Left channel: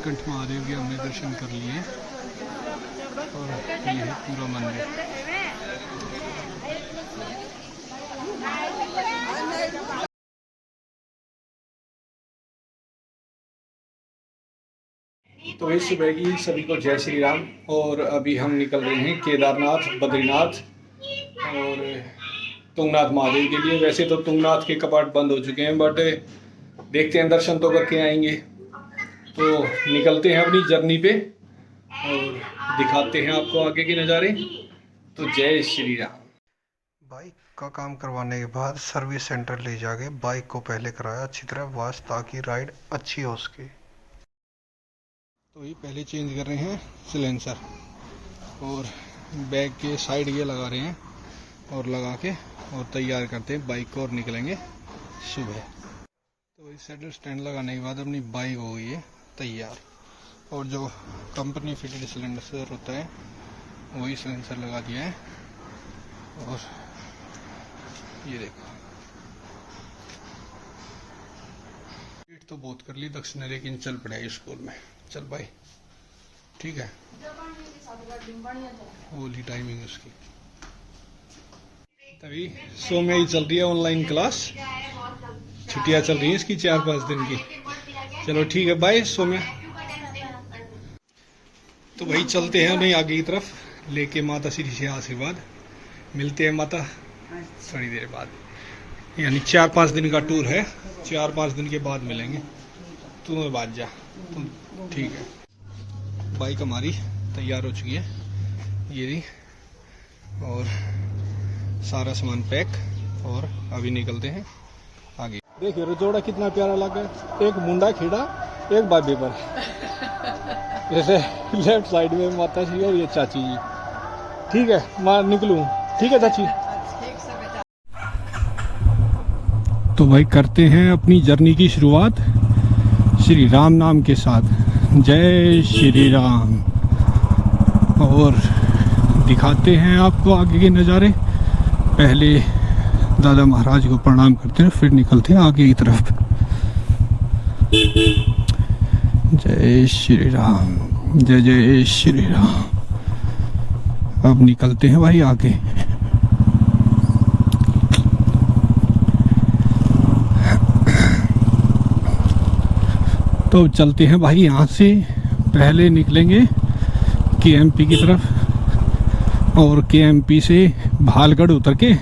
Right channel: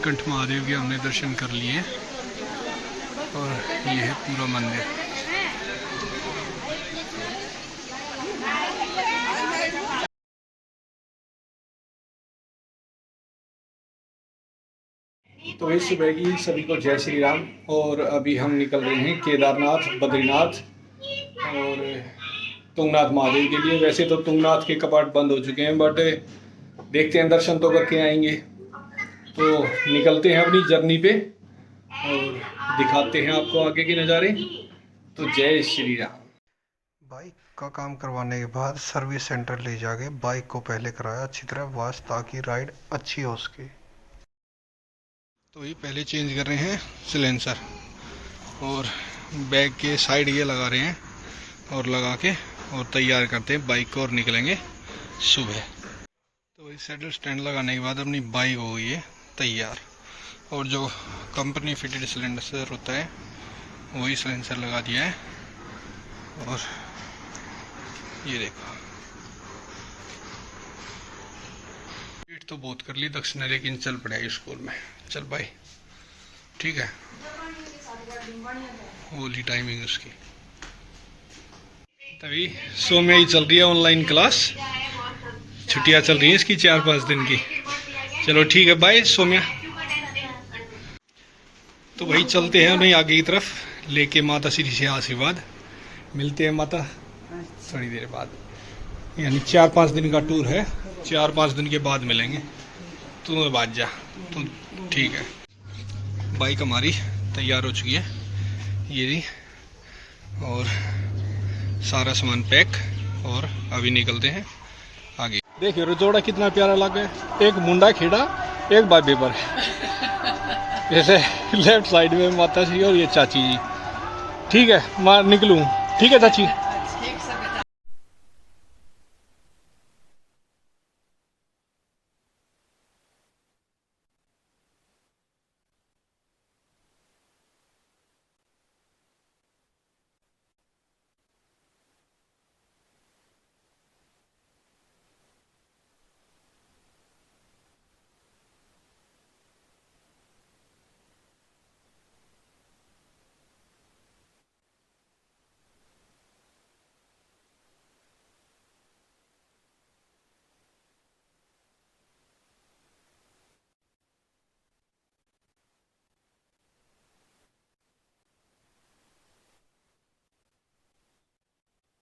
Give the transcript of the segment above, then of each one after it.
नीलकंठ महादेव के हमने दर्शन कर लिए और ये है पूरा मंदिर। तो इस सुबह की सभी को जय श्री राम। और अभी हम निकल रहे हैं केदारनाथ, बद्रीनाथ और तुंगनाथ महादेव के लिए। वैसे तो तुंगनाथ के कपाट बंद हो चुके हैं, बट देखते हैं, दर्शन तो करके आएंगे। तो निकलते हैं अपनी जर्नी पे और दिखाते हैं आपको आगे के नज़ारे। तो जय श्री राम। बाइक का काम करवाने के बाद सर्विस सेंटर ले जाके बाइक को पहले कराया अच्छी तरह वॉश, ताकि राइड अच्छी हो उसकी। तो ये पहले चेंज कर रहे हैं सिलेंसर और बैग के साइड ये लगा रहे हैं और लगा के और तैयार करते हैं बाइक को और निकलेंगे सुबह। तो वही सैडल स्टैंड लगाने के बाद अपनी बाइक हो गई है तैयार। और जो कंपनी फिटेड सिलेंडर होता है वही सिलेंसर लगा दिया है। और ये देखो, वेट तो बहुत कर ली दक्ष ने, लेकिन चल पड़ा स्कूल में। चल भाई, ठीक है, होली टाइमिंग उसकी। तभी सौम्या ही चल रही है ऑनलाइन क्लास, छुट्टियां चल रही हैं इसकी 4-5 दिन की। चलो ठीक है, बाय सौम्या। तो भाई चलते हैं उन्हें आगे की तरफ लेके माता श्री से आशीर्वाद। मिलते हैं माता थोड़ी देर बाद, यानी 4-5 दिन का टूर है, 4-5 दिन के बाद मिलेंगे। तू बात जा तो ठीक है। बाइक हमारी तैयार हो चुकी है ये रही, और सारा सामान पैक, और अभी निकलते हैं आगे। देखिए रजोड़ा कितना प्यारा लगा है, एक मुंडा खेड़ा एक बाबे पर। जैसे लेफ्ट साइड में माता जी और ये चाची जी। ठीक है, मैं निकलूं? ठीक है चाची। तो भाई करते हैं अपनी जर्नी की शुरुआत श्री राम नाम के साथ। जय श्री राम। और दिखाते हैं आपको आगे के नज़ारे। पहले दादा महाराज को प्रणाम करते हैं, फिर निकलते हैं आगे की तरफ। जय श्री राम, जय जय श्री राम। अब निकलते हैं भाई आगे। तो चलते हैं भाई, यहाँ से पहले निकलेंगे केएमपी की तरफ, और केएमपी से भालगढ़ उतर के,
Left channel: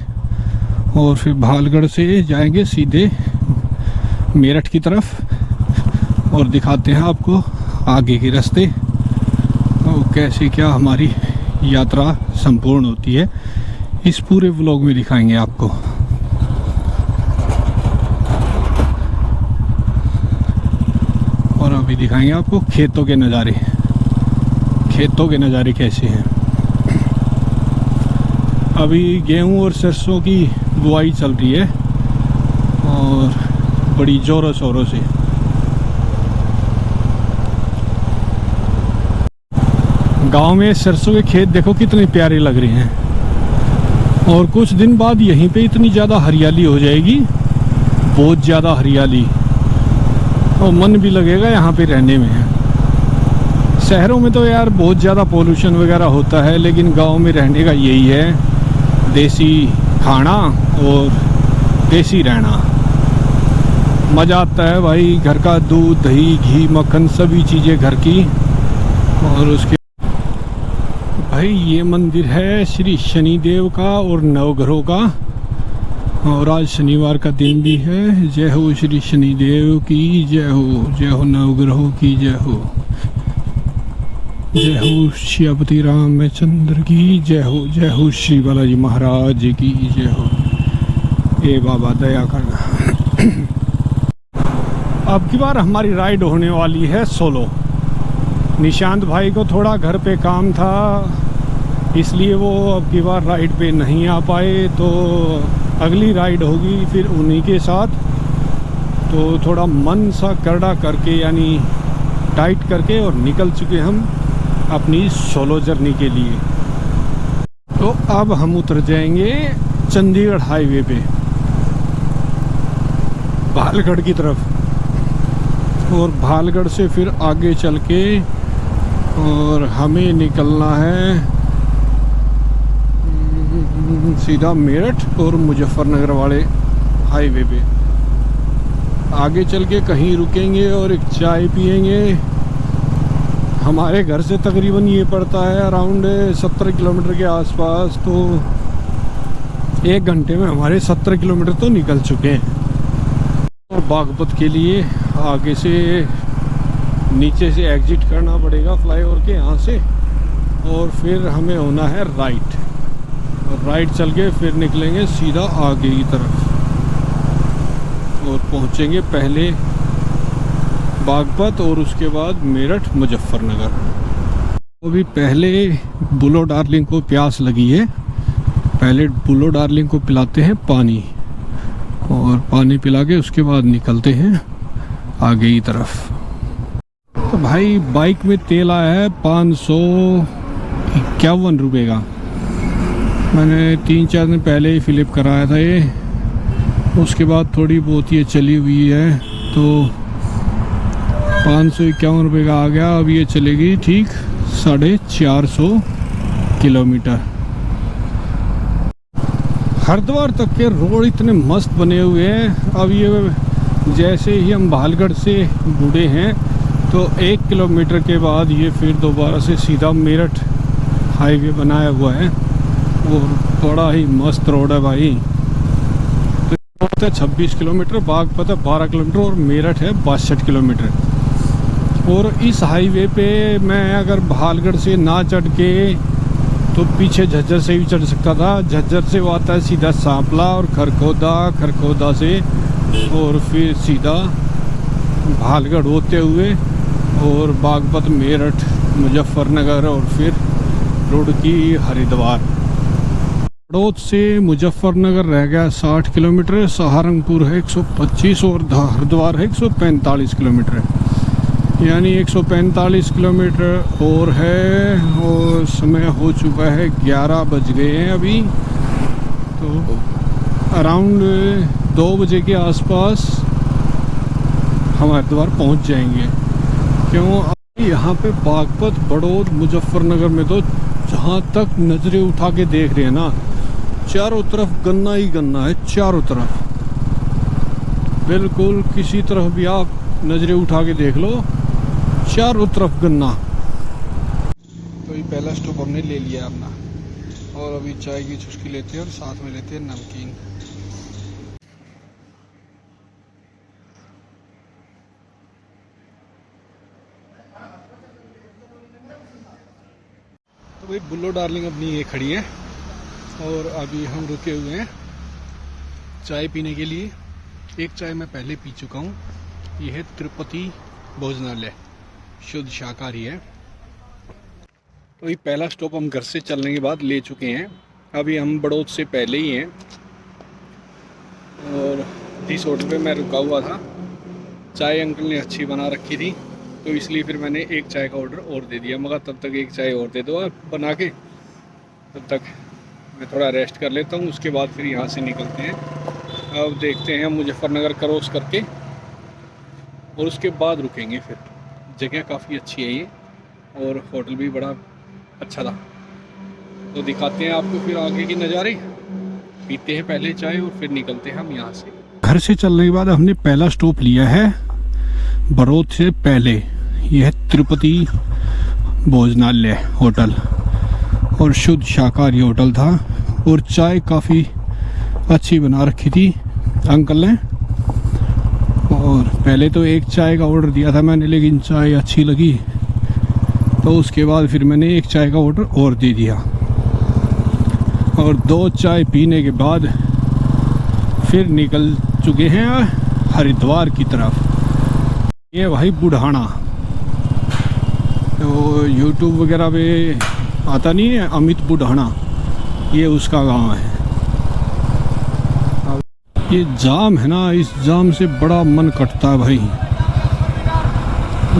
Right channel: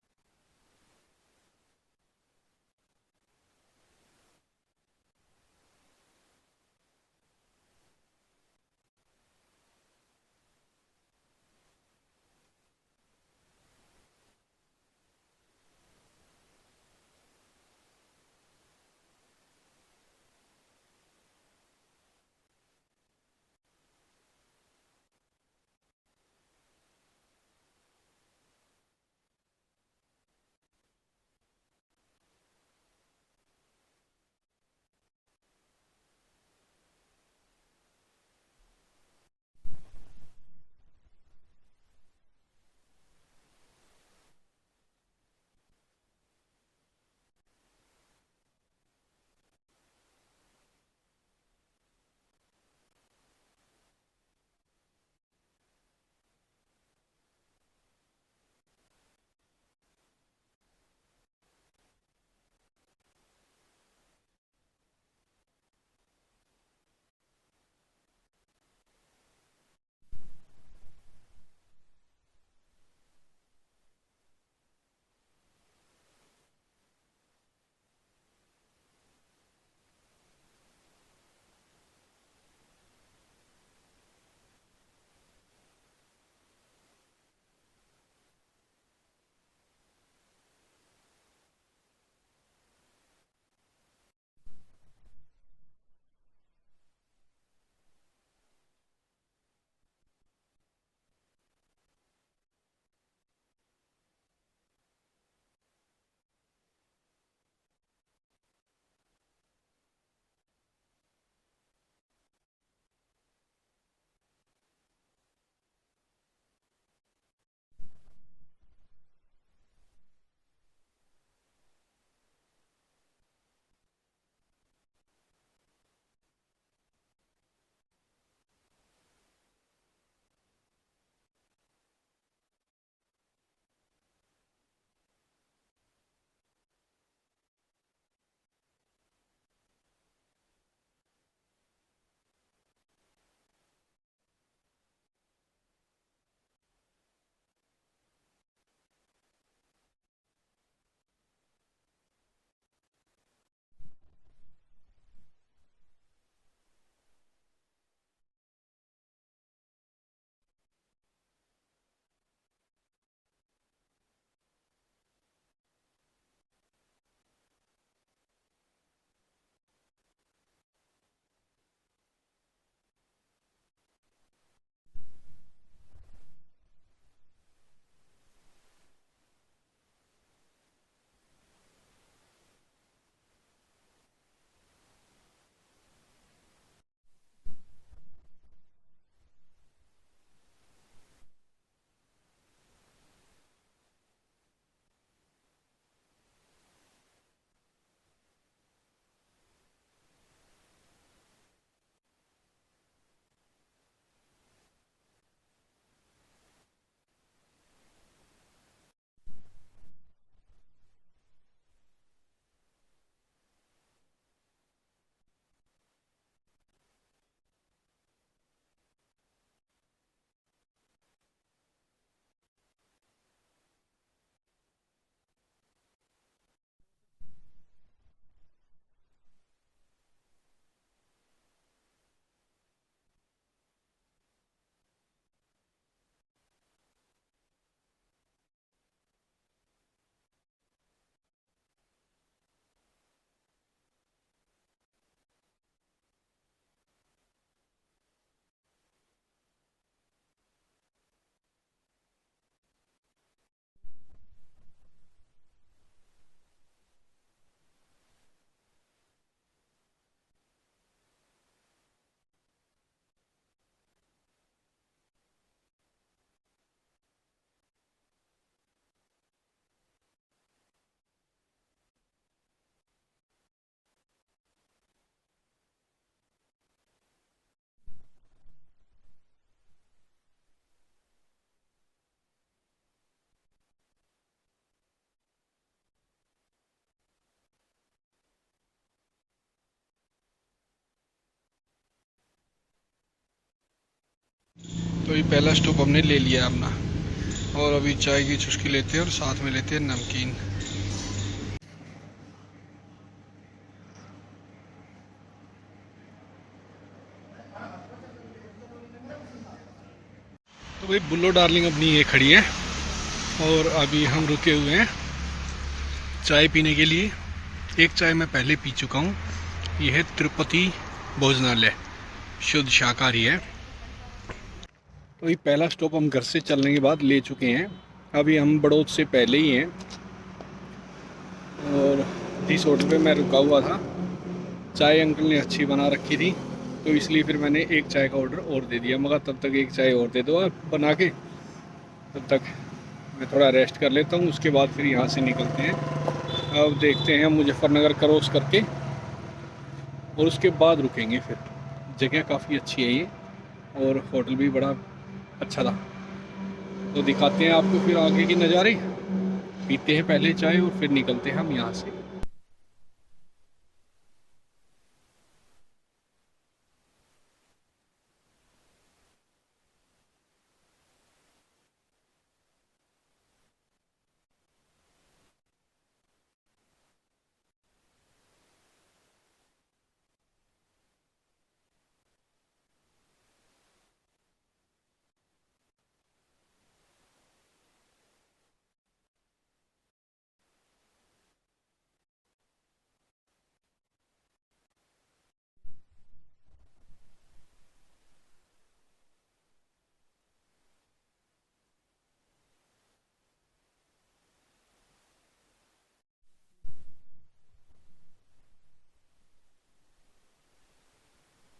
और फिर भालगढ़ से जाएंगे सीधे मेरठ की तरफ। और दिखाते हैं आपको आगे के रास्ते और कैसे क्या हमारी यात्रा संपूर्ण होती है, इस पूरे व्लॉग में दिखाएंगे आपको। और अभी दिखाएंगे आपको खेतों के नज़ारे, खेतों के नज़ारे कैसे हैं। अभी गेहूं और सरसों की बुआई चल रही है और बड़ी ज़ोरों शोरों से। गांव में सरसों के खेत देखो कितने प्यारे लग रहे हैं। और कुछ दिन बाद यहीं पे इतनी ज़्यादा हरियाली हो जाएगी, बहुत ज़्यादा हरियाली, और मन भी लगेगा यहाँ पे रहने में। शहरों में तो यार बहुत ज़्यादा पोल्यूशन वगैरह होता है, लेकिन गांव में रहने का यही है, देसी खाना और देसी रहना। मज़ा आता है भाई, घर का दूध, दही, घी, मक्खन, सभी चीज़ें घर की। और उसके भाई ये मंदिर है श्री शनिदेव का और नवग्रहों का, और आज शनिवार का दिन भी है। जय हो श्री शनिदेव की जय हो, जय हो नवग्रहों की जय हो, जय हो श्रीपति रामचंद्र की जय हो, जय हो श्री बालाजी महाराज की जय हो। ए बाबा दया करना। अब की बार हमारी राइड होने वाली है सोलो। निशांत भाई को थोड़ा घर पे काम था, इसलिए वो अब की बार राइड पे नहीं आ पाए। तो अगली राइड होगी फिर उन्हीं के साथ। तो थोड़ा मन सा करड़ा करके, यानी टाइट करके, और निकल चुके हम अपनी सोलो जर्नी के लिए। तो अब हम उतर जाएंगे चंडीगढ़ हाईवे पे भालगढ़ की तरफ। और भालगढ़ से फिर आगे चल के और हमें निकलना है सीधा मेरठ और मुजफ्फरनगर वाले हाईवे पे। आगे चल के कहीं रुकेंगे और एक चाय पियेंगे। हमारे घर से तकरीबन ये पड़ता है अराउंड 70 किलोमीटर के आसपास, तो 1 घंटे में हमारे 70 किलोमीटर तो निकल चुके हैं। और बागपत के लिए आगे से नीचे से एग्जिट करना पड़ेगा फ्लाईओवर के यहाँ से, और फिर हमें होना है राइट, और राइट चल के फिर निकलेंगे सीधा आगे की तरफ और पहुँचेंगे पहले बागपत और उसके बाद मेरठ मुजफ्फरनगर। अभी पहले बुलो डार्लिंग को प्यास लगी है, पहले बुलो डार्लिंग को पिलाते हैं पानी, और पानी पिला के उसके बाद निकलते हैं आगे की तरफ। तो भाई बाइक में तेल आया है 551 रुपये का। मैंने 3-4 दिन पहले ही फिलिप कराया था ये, उसके बाद थोड़ी बहुत ये चली हुई है, तो 551 रुपये का आ गया। अब ये चलेगी ठीक 450 किलोमीटर। हरिद्वार तक के रोड इतने मस्त बने हुए हैं। अब ये जैसे ही हम भालगढ़ से मुड़े हैं तो 1 किलोमीटर के बाद ये फिर दोबारा से सीधा मेरठ हाईवे बनाया हुआ है, और बड़ा ही मस्त रोड है भाई। तो 26 किलोमीटर, बागपत है 12 किलोमीटर और मेरठ है 62 किलोमीटर। और इस हाईवे पे मैं अगर भालगढ़ से ना चढ़ के तो पीछे झज्जर से भी चढ़ सकता था। झज्जर से वो आता है सीधा सांपला और खरखोदा से, और फिर सीधा भालगढ़ होते हुए और बागपत, मेरठ, मुजफ्फरनगर और फिर रुड़की, हरिद्वार। बड़ौद से मुजफ्फरनगर रह गया 60 किलोमीटर, सहारनपुर है 125 और हरिद्वार है 145 किलोमीटर, यानी 145 किलोमीटर और है। और समय हो चुका है 11 बज गए हैं अभी, तो अराउंड 2 बजे के आसपास हम हरिद्वार पहुंच जाएंगे। क्यों, यहाँ पे बागपत, बड़ौद, मुजफ्फरनगर में तो जहाँ तक नज़रें उठा के देख रहे हैं ना, चारों तरफ गन्ना ही गन्ना है, चारों तरफ। बिल्कुल किसी तरफ भी आप नज़रें उठा के देख लो, चारों तरफ गन्ना। तो ये पहला स्टॉप हमने ले लिया अपना, और अभी चाय की चुस्की लेते हैं और साथ में लेते हैं नमकीन। तो भाई बुल्लो डार्लिंग अपनी ये खड़ी है, और अभी हम रुके हुए हैं चाय पीने के लिए। एक चाय मैं पहले पी चुका हूँ, ये है तिरुपति भोजनालय, शुद्ध शाकाहारी है। तो ये पहला स्टॉप हम घर से चलने के बाद ले चुके हैं। अभी हम बड़ौद से पहले ही हैं, और जिस होटल पे मैं रुका हुआ था चाय अंकल ने अच्छी बना रखी थी, तो इसलिए फिर मैंने एक चाय का ऑर्डर और दे दिया। मगर तब तक एक चाय और दे दो आप बना के, तब तक मैं थोड़ा रेस्ट कर लेता हूँ, उसके बाद फिर यहाँ से निकलते हैं। अब देखते हैं मुजफ्फरनगर क्रॉस करके, और उसके बाद रुकेंगे। फिर जगह काफ़ी अच्छी है ये, और होटल भी बड़ा अच्छा था। तो दिखाते हैं आपको फिर आगे की नज़ारे, पीते हैं पहले चाय और फिर निकलते हैं हम यहाँ से। घर से चलने के बाद हमने पहला स्टॉप लिया है बड़ौद से पहले, यह है तिरुपति भोजनालय होटल, और शुद्ध शाकाहारी होटल था, और चाय काफ़ी अच्छी बना रखी थी अंकल ने। और पहले तो एक चाय का ऑर्डर दिया था मैंने, लेकिन चाय अच्छी लगी, तो उसके बाद फिर मैंने एक चाय का ऑर्डर और दे दिया, और 2 चाय पीने के बाद फिर निकल चुके हैं हरिद्वार की तरफ। ये भाई बुढ़ाना, तो यूट्यूब वगैरह पे आता नहीं है अमित बुढ़ाना, ये उसका गांव है। ये जाम है ना, इस जाम से बड़ा मन कटता है भाई,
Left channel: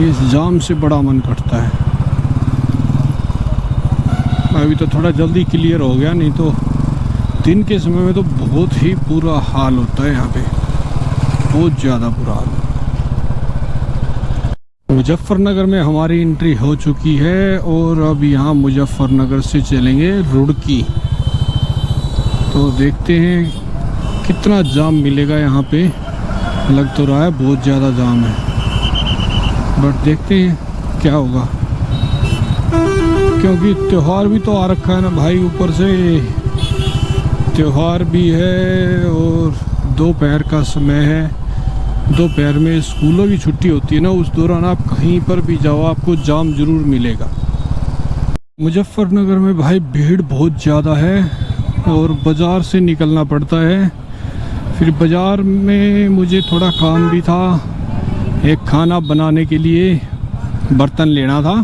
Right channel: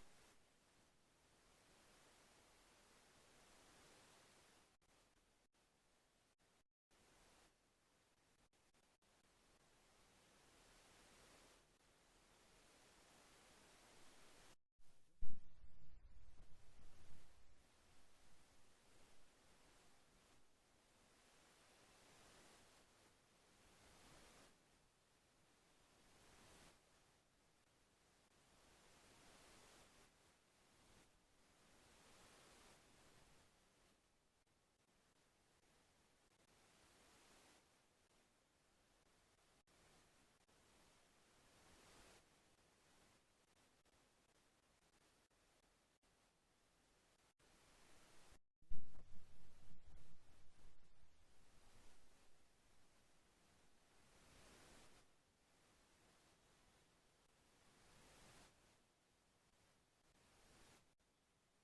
इस जाम से बड़ा मन कटता है। अभी तो थोड़ा जल्दी क्लियर हो गया, नहीं तो दिन के समय में तो बहुत ही बुरा हाल होता है यहाँ पे, बहुत ज़्यादा बुरा हाल। मुजफ्फरनगर में हमारी एंट्री हो चुकी है और अब यहाँ मुजफ्फरनगर से चलेंगे रुड़की। तो देखते हैं कितना जाम मिलेगा यहाँ पे। लग तो रहा है बहुत ज़्यादा जाम है, बट देखते हैं क्या होगा, क्योंकि त्यौहार भी तो आ रखा है ना भाई। ऊपर से त्यौहार भी है और दोपहर का समय है। दोपहर में स्कूलों की छुट्टी होती है ना, उस दौरान आप कहीं पर भी जाओ आपको जाम ज़रूर मिलेगा। मुजफ्फरनगर में भाई भीड़ बहुत ज़्यादा है और बाज़ार से निकलना पड़ता है। फिर बाज़ार में मुझे थोड़ा काम भी था, एक खाना बनाने के लिए बर्तन लेना था।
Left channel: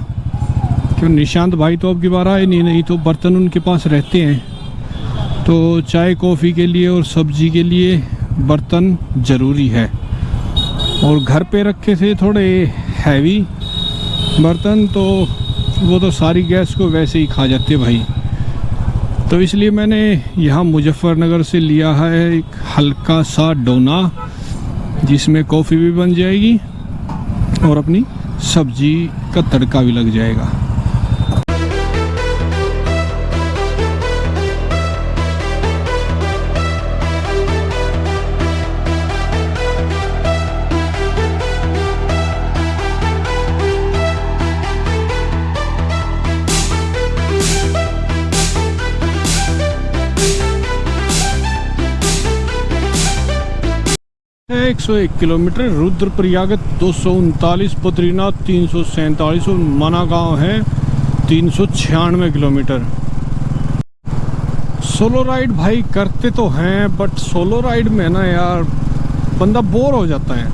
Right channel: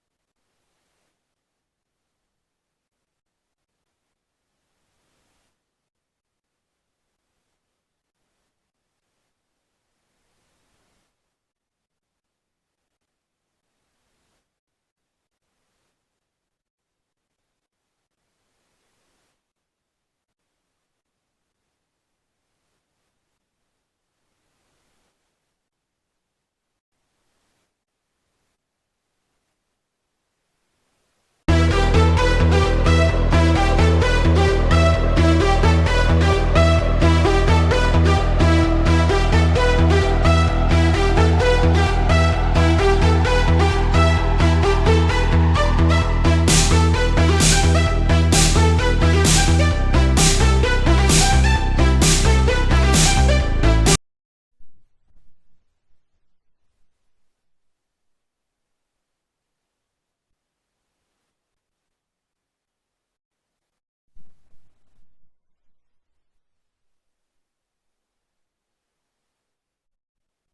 क्यों निशांत भाई तो अब की बार आए नहीं तो बर्तन उनके पास रहते हैं। तो चाय कॉफ़ी के लिए और सब्जी के लिए बर्तन ज़रूरी है। और घर पे रखे थे थोड़े हैवी बर्तन, तो वो तो सारी गैस को वैसे ही खा जाते भाई। तो इसलिए मैंने यहाँ मुजफ्फरनगर से लिया है एक हल्का सा डोना, जिसमें कॉफ़ी भी बन जाएगी और अपनी सब्जी का तड़का भी लग जाएगा। है 101 किलोमीटर, रुद्रप्रयाग 239, बद्रीनाथ 347 और मना गांव है 396 किलोमीटर। सोलो राइड भाई करते तो हैं, बट सोलो राइड में ना यार बंदा बोर हो जाता है।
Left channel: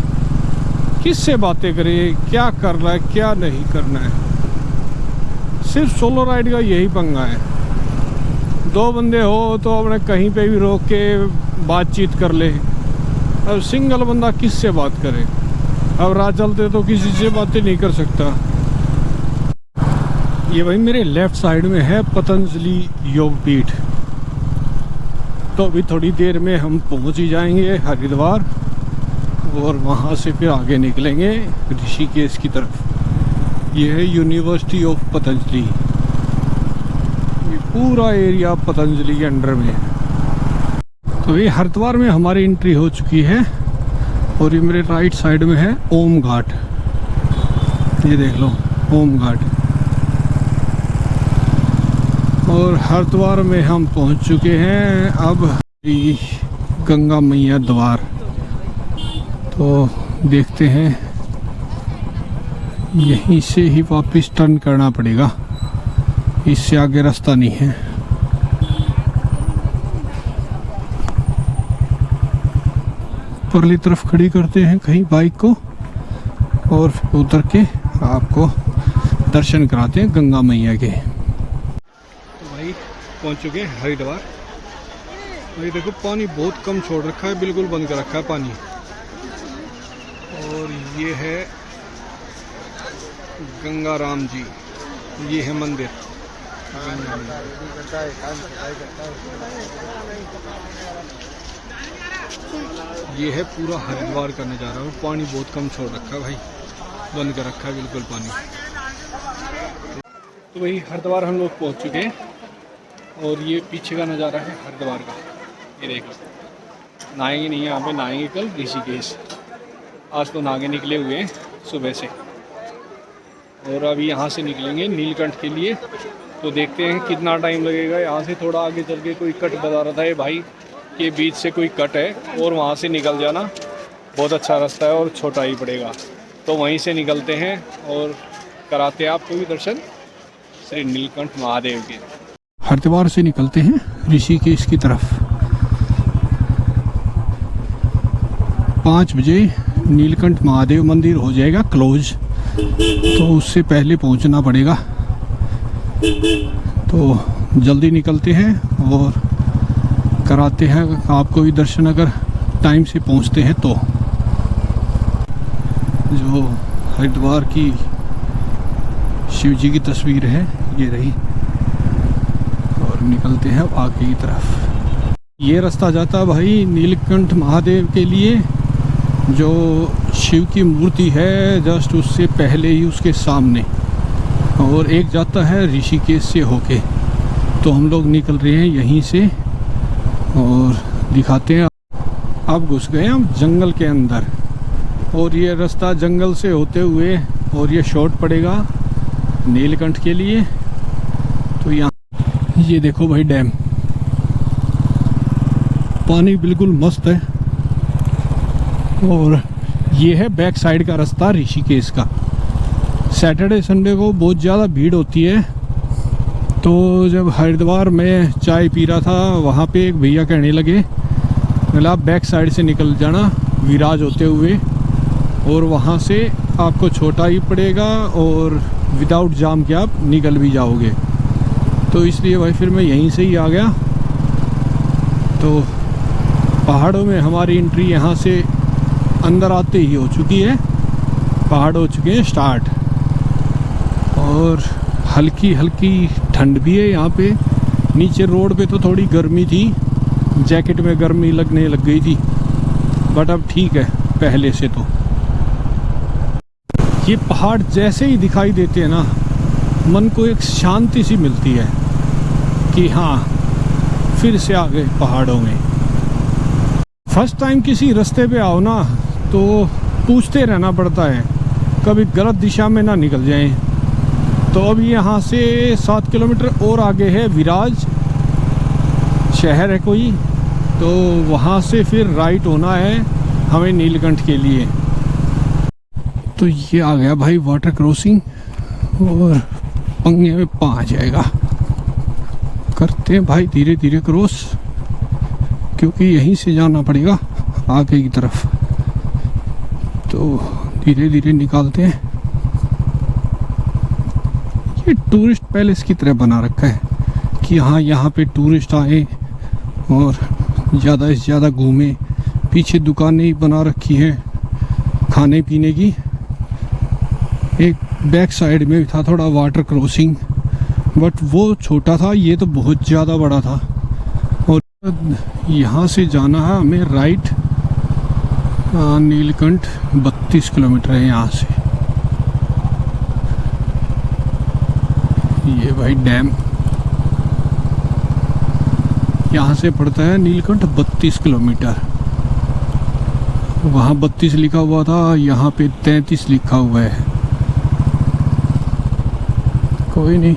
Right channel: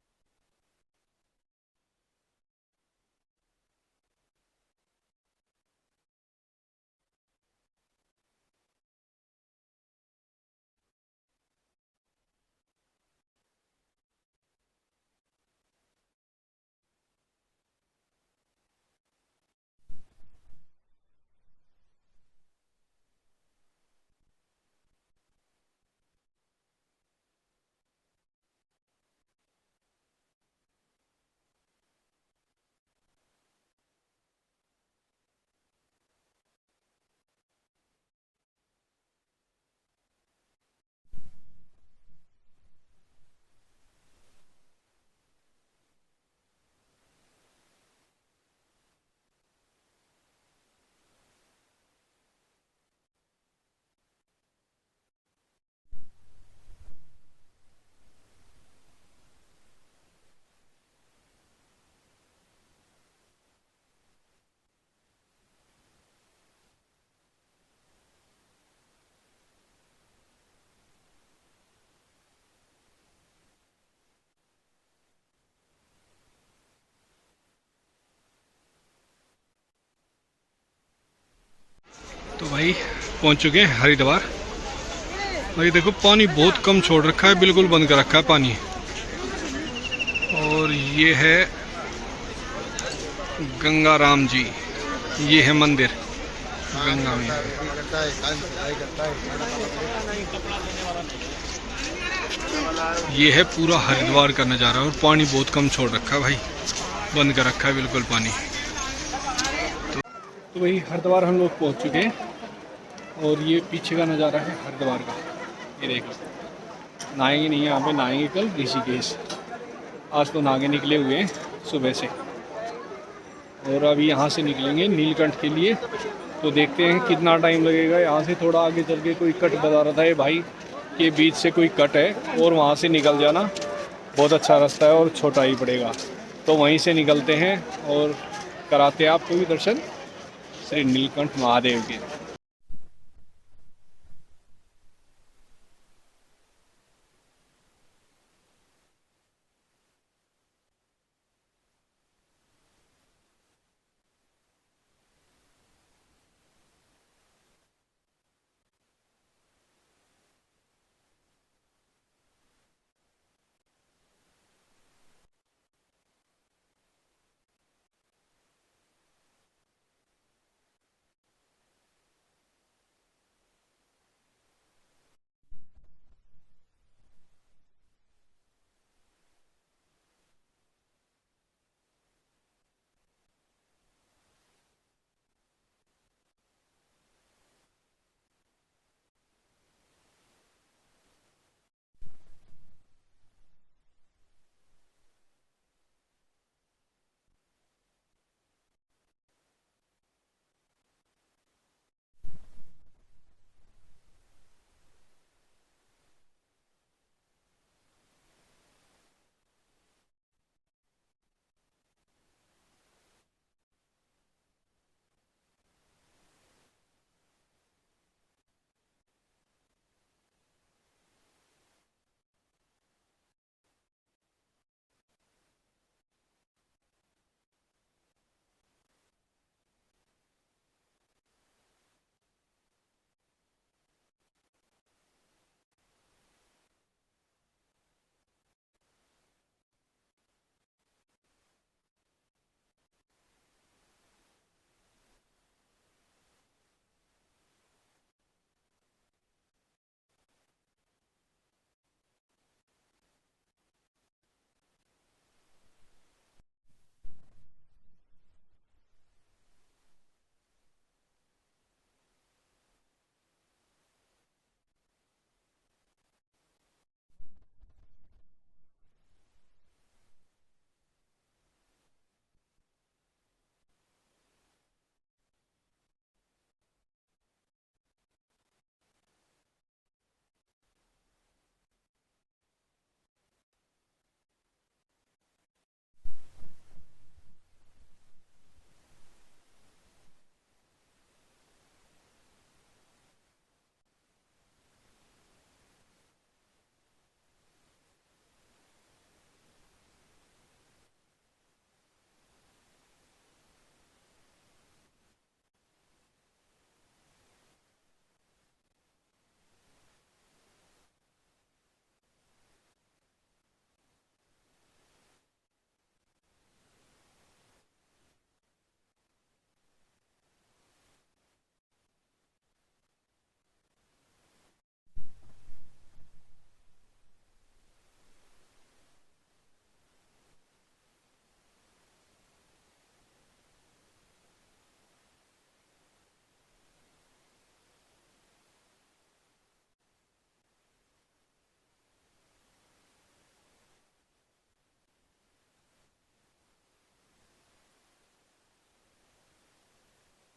किससे बातें करे, क्या कर रहा है क्या नहीं करना है। सिर्फ सोलो राइड का यही पंगा है, दो बंदे हो तो अपने कहीं पे भी रोक के बातचीत कर ले। अब सिंगल बंदा किससे बात करे, अब राह चलते तो किसी से बातें नहीं कर सकता। ये भाई मेरे लेफ्ट साइड में है पतंजलि योगपीठ। तो अभी थोड़ी देर में हम पहुंच ही जाएंगे हरिद्वार और वहां से फिर आगे निकलेंगे ऋषिकेश की तरफ। ये है यूनिवर्सिटी ऑफ पतंजलि, ये पूरा एरिया पतंजलि के अंडर में है। तो ये हरिद्वार में हमारी एंट्री हो चुकी है और ये मेरे राइट साइड में है ओम घाट। ये देख लो ओम घाट। और हरिद्वार में हम पहुंच चुके हैं अब गंगा मैया द्वार। तो देखते हैं, यहीं से ही वापस टर्न करना पड़ेगा, इससे आगे रास्ता नहीं है। परली तरफ खड़ी करते हैं कहीं बाइक को और उतर के आपको दर्शन कराते हैं गंगा मैया के। तो भाई पहुंच चुके हैं हरिद्वार। और ये देखो पानी बहुत कम छोड़ रखा है, बिल्कुल बंद कर रखा है पानी। और ये है गंगा राम जी, ये है मंदिर गंगा मैया। ये है पूरा हरिद्वार का नज़ारा और पानी बहुत कम छोड़ रखा है भाई, बंद कर रखा है बिल्कुल पानी। तो भाई हरिद्वार हम लोग पहुंच चुके हैं और ये पीछे का नज़ारा है हरिद्वार का। ये देख लो, नहाएंगे नहीं यहाँ पे, नहाएंगे कल ऋषिकेश। आज तो नहा के निकले हुए हैं सुबह से और अभी यहाँ से निकलेंगे नीलकंठ के लिए। तो देखते हैं कितना टाइम लगेगा। यहाँ से थोड़ा आगे चल के कोई कट बता रहा था ये भाई के बीच से कोई कट है और वहाँ से निकल जाना, बहुत अच्छा रास्ता है और छोटा ही पड़ेगा। तो वहीं से निकलते हैं और कराते हैं आपको भी दर्शन श्री नीलकंठ महादेव के। हरिद्वार से निकलते हैं ऋषिकेश की तरफ। 5 बजे नीलकंठ महादेव मंदिर हो जाएगा क्लोज, तो उससे पहले पहुंचना पड़ेगा। तो जल्दी निकलते हैं और कराते हैं आपको भी दर्शन, अगर टाइम से पहुंचते हैं तो। जो हरिद्वार की शिव जी की तस्वीर है ये रही, और निकलते हैं आगे की तरफ। ये रास्ता जाता है भाई नीलकंठ महादेव के लिए, जो शिव की मूर्ति है जस्ट उससे पहले ही उसके सामने, और एक जाता है ऋषिकेश से होके। तो हम लोग निकल रहे हैं यहीं से और दिखाते हैं। अब घुस गए हम जंगल के अंदर, और ये रास्ता जंगल से होते हुए, और ये शॉर्ट पड़ेगा नीलकंठ के लिए। तो यहाँ ये देखो भाई डैम, पानी बिल्कुल मस्त है। और ये है बैक साइड का रास्ता ऋषिकेश का। सैटरडे संडे को बहुत ज़्यादा भीड़ होती है। तो जब हरिद्वार में चाय पी रहा था, वहाँ पे एक भैया कहने लगे, मतलब आप बैक साइड से निकल जाना विराज होते हुए, और वहाँ से आपको छोटा ही पड़ेगा और विदाउट जाम के आप निकल भी जाओगे। तो इसलिए भाई फिर मैं यहीं से ही आ गया। तो पहाड़ों में हमारी एंट्री यहाँ से अंदर आते ही हो चुकी है। पहाड़ हो चुके हैं स्टार्ट, और हल्की हल्की ठंड भी है यहाँ पे। नीचे रोड पे तो थोड़ी गर्मी थी, जैकेट में गर्मी लगने लग गई थी, बट अब ठीक है पहले से। तो ये पहाड़ जैसे ही दिखाई देते हैं ना, मन को एक शांति सी मिलती है कि हाँ फिर से आ गए पहाड़ों में। फर्स्ट टाइम किसी रास्ते पे आओ ना तो पूछते रहना पड़ता है कभी गलत दिशा में ना निकल जाएं। तो अब यहाँ से 7 किलोमीटर और आगे है विराज शहर है कोई, तो वहाँ से फिर राइट होना है हमें नीलकंठ के लिए। तो ये आ गया भाई वाटर क्रॉसिंग, और पंगे में पा आ जाएगा। करते हैं भाई धीरे धीरे क्रॉस, क्योंकि यहीं से जाना पड़ेगा आगे की तरफ। तो धीरे धीरे निकालते हैं। ये टूरिस्ट पैलेस की तरह बना रखा है कि हाँ यहाँ पे टूरिस्ट आए और ज़्यादा से ज़्यादा घूमें। पीछे दुकानें ही बना रखी हैं खाने पीने की। एक बैक साइड में था थोड़ा वाटर क्रॉसिंग, बट वो छोटा था, ये तो बहुत ज़्यादा बड़ा था। और यहाँ से जाना है हमें राइट नीलकंठ। 32 किलोमीटर है यहाँ से। ये भाई डैम यहाँ से पड़ता है नीलकंठ 32 किलोमीटर। वहाँ 32 लिखा हुआ था, यहाँ पे 33 लिखा हुआ है। कोई नहीं,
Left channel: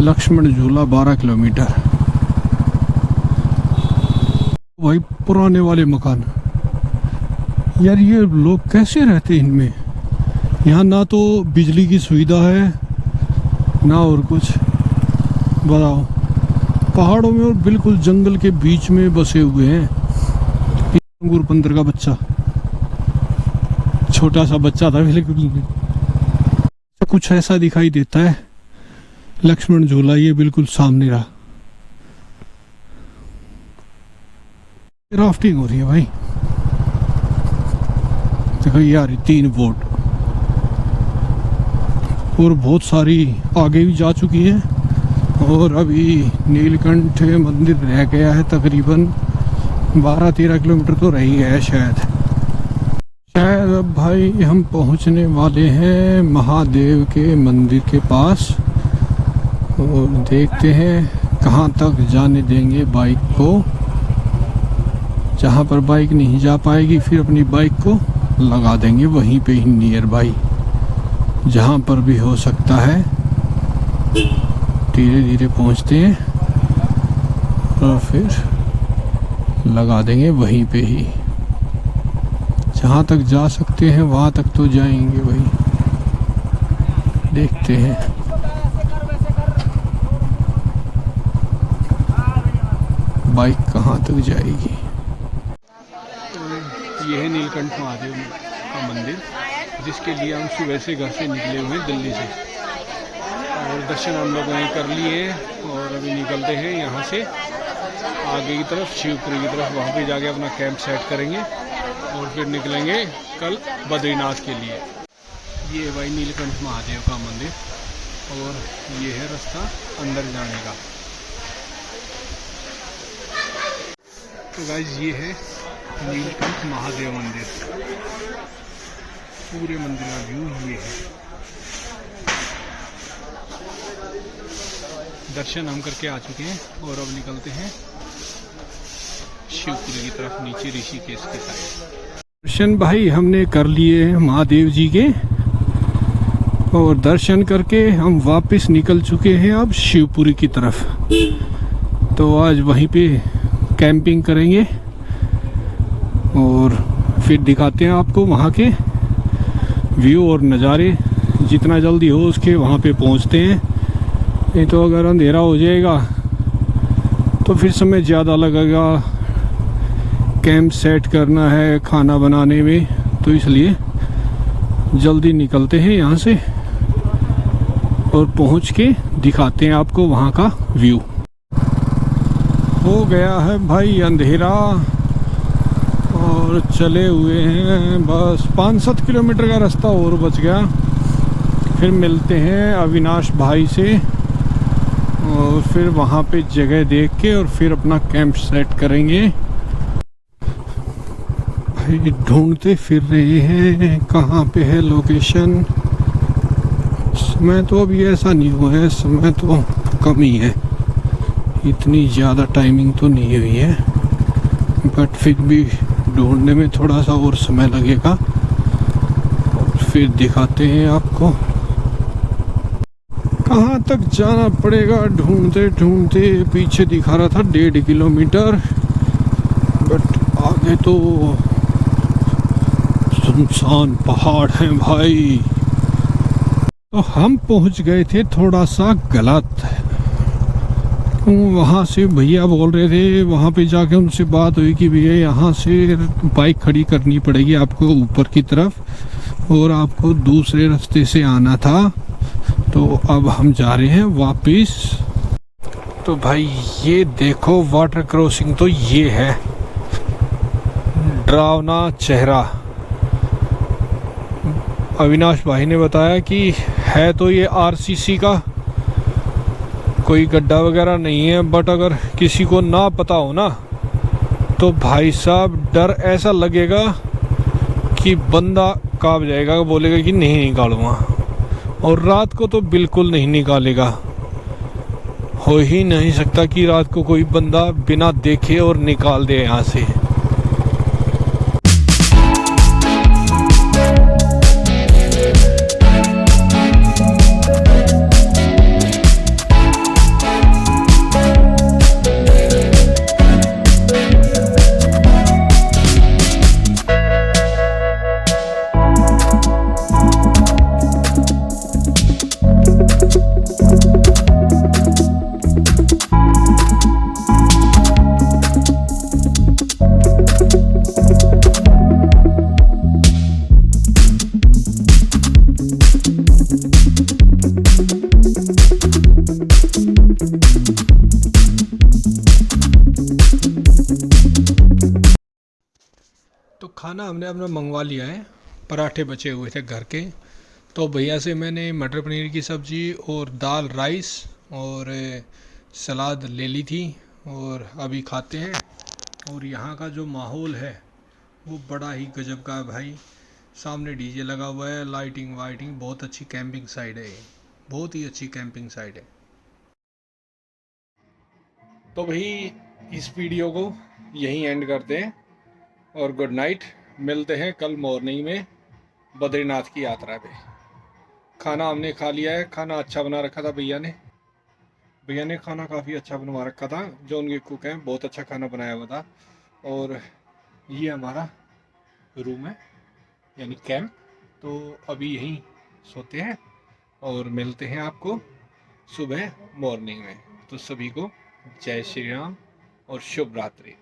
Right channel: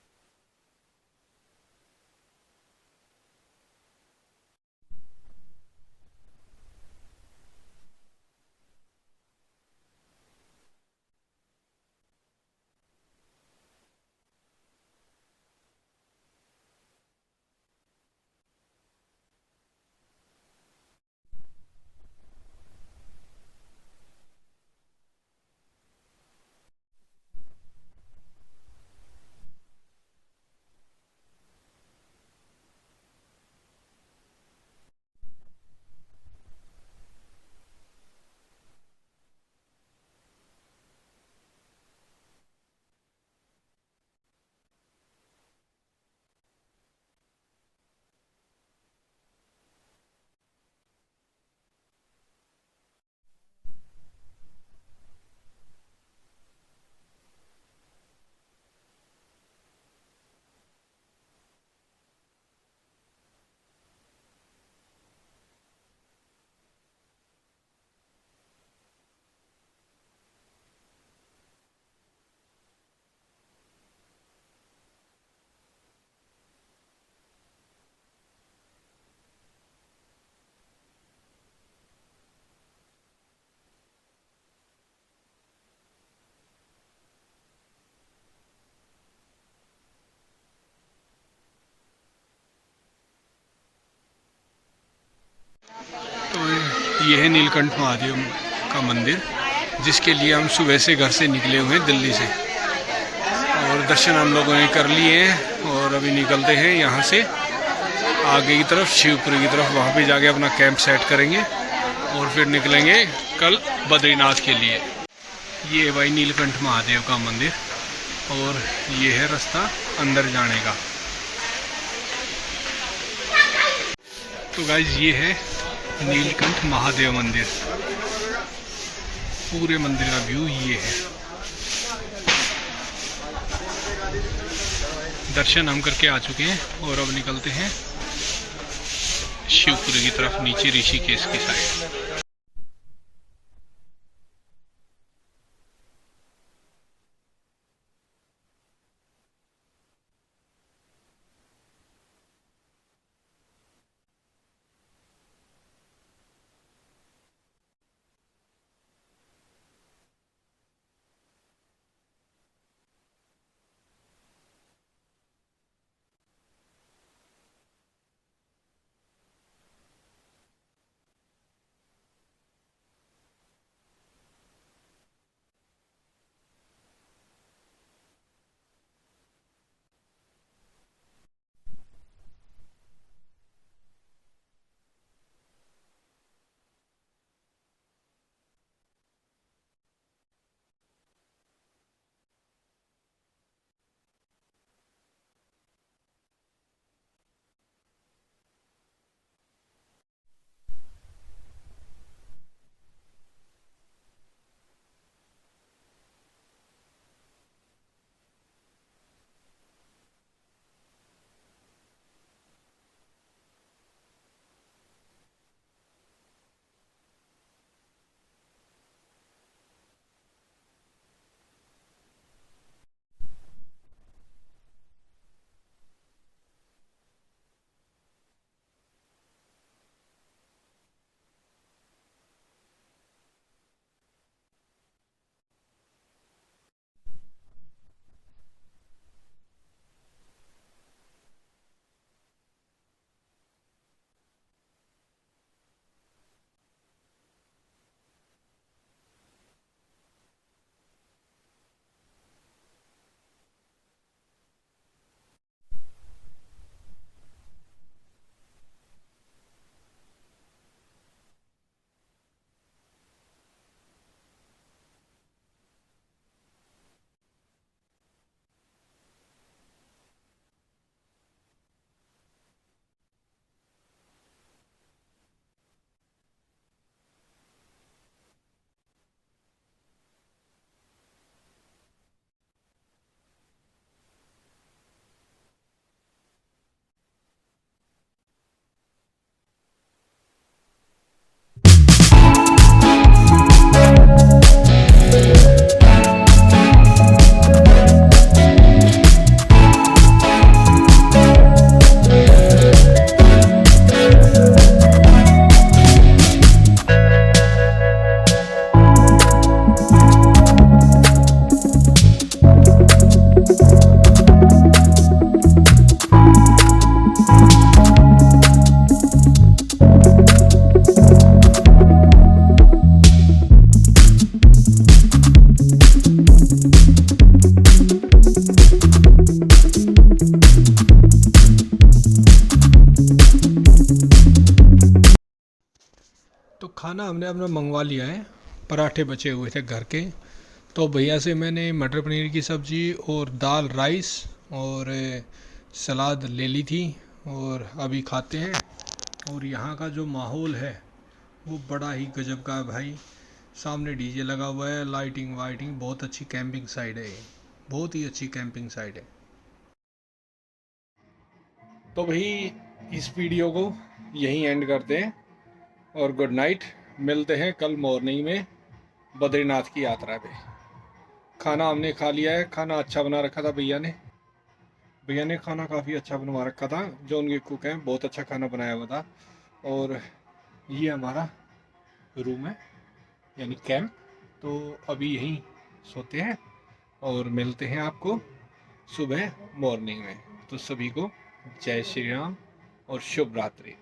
लक्ष्मण झूला 12 किलोमीटर। भाई पुराने वाले मकान, यार ये लोग कैसे रहते हैं इनमें। यहाँ ना तो बिजली की सुविधा है ना और कुछ, बताओ। पहाड़ों में और बिल्कुल जंगल के बीच में बसे हुए हैं। अंगूर बंदर का बच्चा, छोटा सा बच्चा था बिल्कुल, कुछ ऐसा दिखाई देता है। लक्ष्मण झूला ये बिल्कुल सामने रहा। राफ्टिंग हो रही है भाई, देखो यार 3 बोट, और बहुत सारी आगे भी जा चुकी है। और अभी नीलकंठ मंदिर रह गया है तकरीबन 12-13 किलोमीटर तो रह ही गया है शायद। अब भाई हम पहुंचने वाले हैं महादेव के मंदिर के पास, और देखते हैं कहाँ तक जाने देंगे बाइक को। जहाँ पर बाइक नहीं जा पाएगी फिर अपनी बाइक को लगा देंगे वहीं पे ही नियर बाई, जहाँ पर भी हो सकता है। धीरे धीरे पहुँचते हैं और फिर लगा देंगे वहीं पे ही। जहाँ तक जा सकते हैं वहाँ तक तो जाएंगे भाई, देखते हैं। बाइक कहाँ तक जाएगी। तो ये है नीलकंठ महादेव का मंदिर, जिसके लिए हम सुबह से घर से निकले हुए हैं दिल्ली से, और दर्शन हम लोगों ने कर लिए हैं। और अभी निकलते हैं यहाँ से आगे की तरफ, शिवपुरी की तरफ। वहाँ पे जाके अपना कैंप सेट करेंगे और फिर निकलेंगे कल बद्रीनाथ के लिए। ये भाई नीलकंठ महादेव का मंदिर, और ये है रास्ता अंदर जाने का। तो गाइज ये है नीलकंठ महादेव मंदिर। पूरे मंदिर का व्यू ये है। दर्शन हम करके आ चुके हैं और अब निकलते हैं शिवपुरी की तरफ, नीचे ऋषिकेश की साइड। दर्शन भाई हमने कर लिए हैं महादेव जी के, और दर्शन करके हम वापस निकल चुके हैं अब शिवपुरी की तरफ। तो आज वहीं पे कैंपिंग करेंगे और फिर दिखाते हैं आपको वहाँ के व्यू और नज़ारे। जितना जल्दी हो उसके वहाँ पे पहुँचते हैं, नहीं तो अगर अंधेरा हो जाएगा तो फिर समय ज़्यादा लगेगा, कैंप सेट करना है खाना बनाने में, तो इसलिए जल्दी निकलते हैं यहाँ से और पहुँच के दिखाते हैं आपको वहाँ का व्यू। हो गया है भाई अंधेरा और चले हुए हैं बस 5-7 किलोमीटर का रास्ता और बच गया। फिर मिलते हैं अविनाश भाई से और फिर वहाँ पे जगह देख के और फिर अपना कैंप सेट करेंगे। भाई ढूंढते फिर रहे हैं कहाँ पे है लोकेशन। समय तो अभी ऐसा नहीं हुआ है, समय तो कम ही है, इतनी ज़्यादा टाइमिंग तो नहीं हुई है, बट फिर भी ढूंढने में थोड़ा सा और समय लगेगा और फिर दिखाते हैं आपको। कहाँ तक जाना पड़ेगा ढूंढते ढूंढते, पीछे दिखा रहा था 1.5 किलोमीटर, बट आगे तो सुनसान पहाड़ हैं भाई। तो हम पहुंच गए थे थोड़ा सा गलत, वहाँ से भैया बोल रहे थे, वहाँ पे जाके उनसे बात हुई कि भैया यहाँ से बाइक खड़ी करनी पड़ेगी आपको ऊपर की तरफ और आपको दूसरे रास्ते से आना था। तो अब हम जा रहे हैं वापस। तो भाई ये देखो वाटर क्रॉसिंग तो ये है, डरावना चेहरा। अविनाश भाई ने बताया कि है तो ये आरसीसी का, कोई गड्ढा वगैरह नहीं है, बट अगर किसी को ना पता हो ना तो भाई साहब डर ऐसा लगेगा कि बंदा कांप जाएगा, बोलेगा कि नहीं निकालूंगा, और रात को तो बिल्कुल नहीं निकालेगा। हो ही नहीं सकता कि रात को कोई बंदा बिना देखे और निकाल दे यहाँ से। तो खाना हमने अपना मंगवा लिया है, पराठे बचे हुए थे घर के, तो भैया से मैंने मटर पनीर की सब्ज़ी और दाल राइस और सलाद ले ली थी और अभी खाते हैं। और यहाँ का जो माहौल है वो बड़ा ही गजब का है भाई, सामने डीजे लगा हुआ है, लाइटिंग वाइटिंग, बहुत अच्छी कैंपिंग साइट है, बहुत ही अच्छी कैंपिंग साइट है। तो भाई इस वीडियो को यहीं एंड करते हैं और गुड नाइट। मिलते हैं कल मॉर्निंग में बद्रीनाथ की यात्रा पे। खाना हमने खा लिया है, खाना अच्छा बना रखा था भैया ने खाना काफ़ी अच्छा बनवा रखा था, जो उनके कुक हैं बहुत अच्छा खाना बनाया हुआ था। और ये हमारा रूम है यानी कैंप। तो अभी यहीं सोते हैं और मिलते हैं आपको सुबह मॉर्निंग में। तो सभी को जय श्री राम और शुभ रात्रि।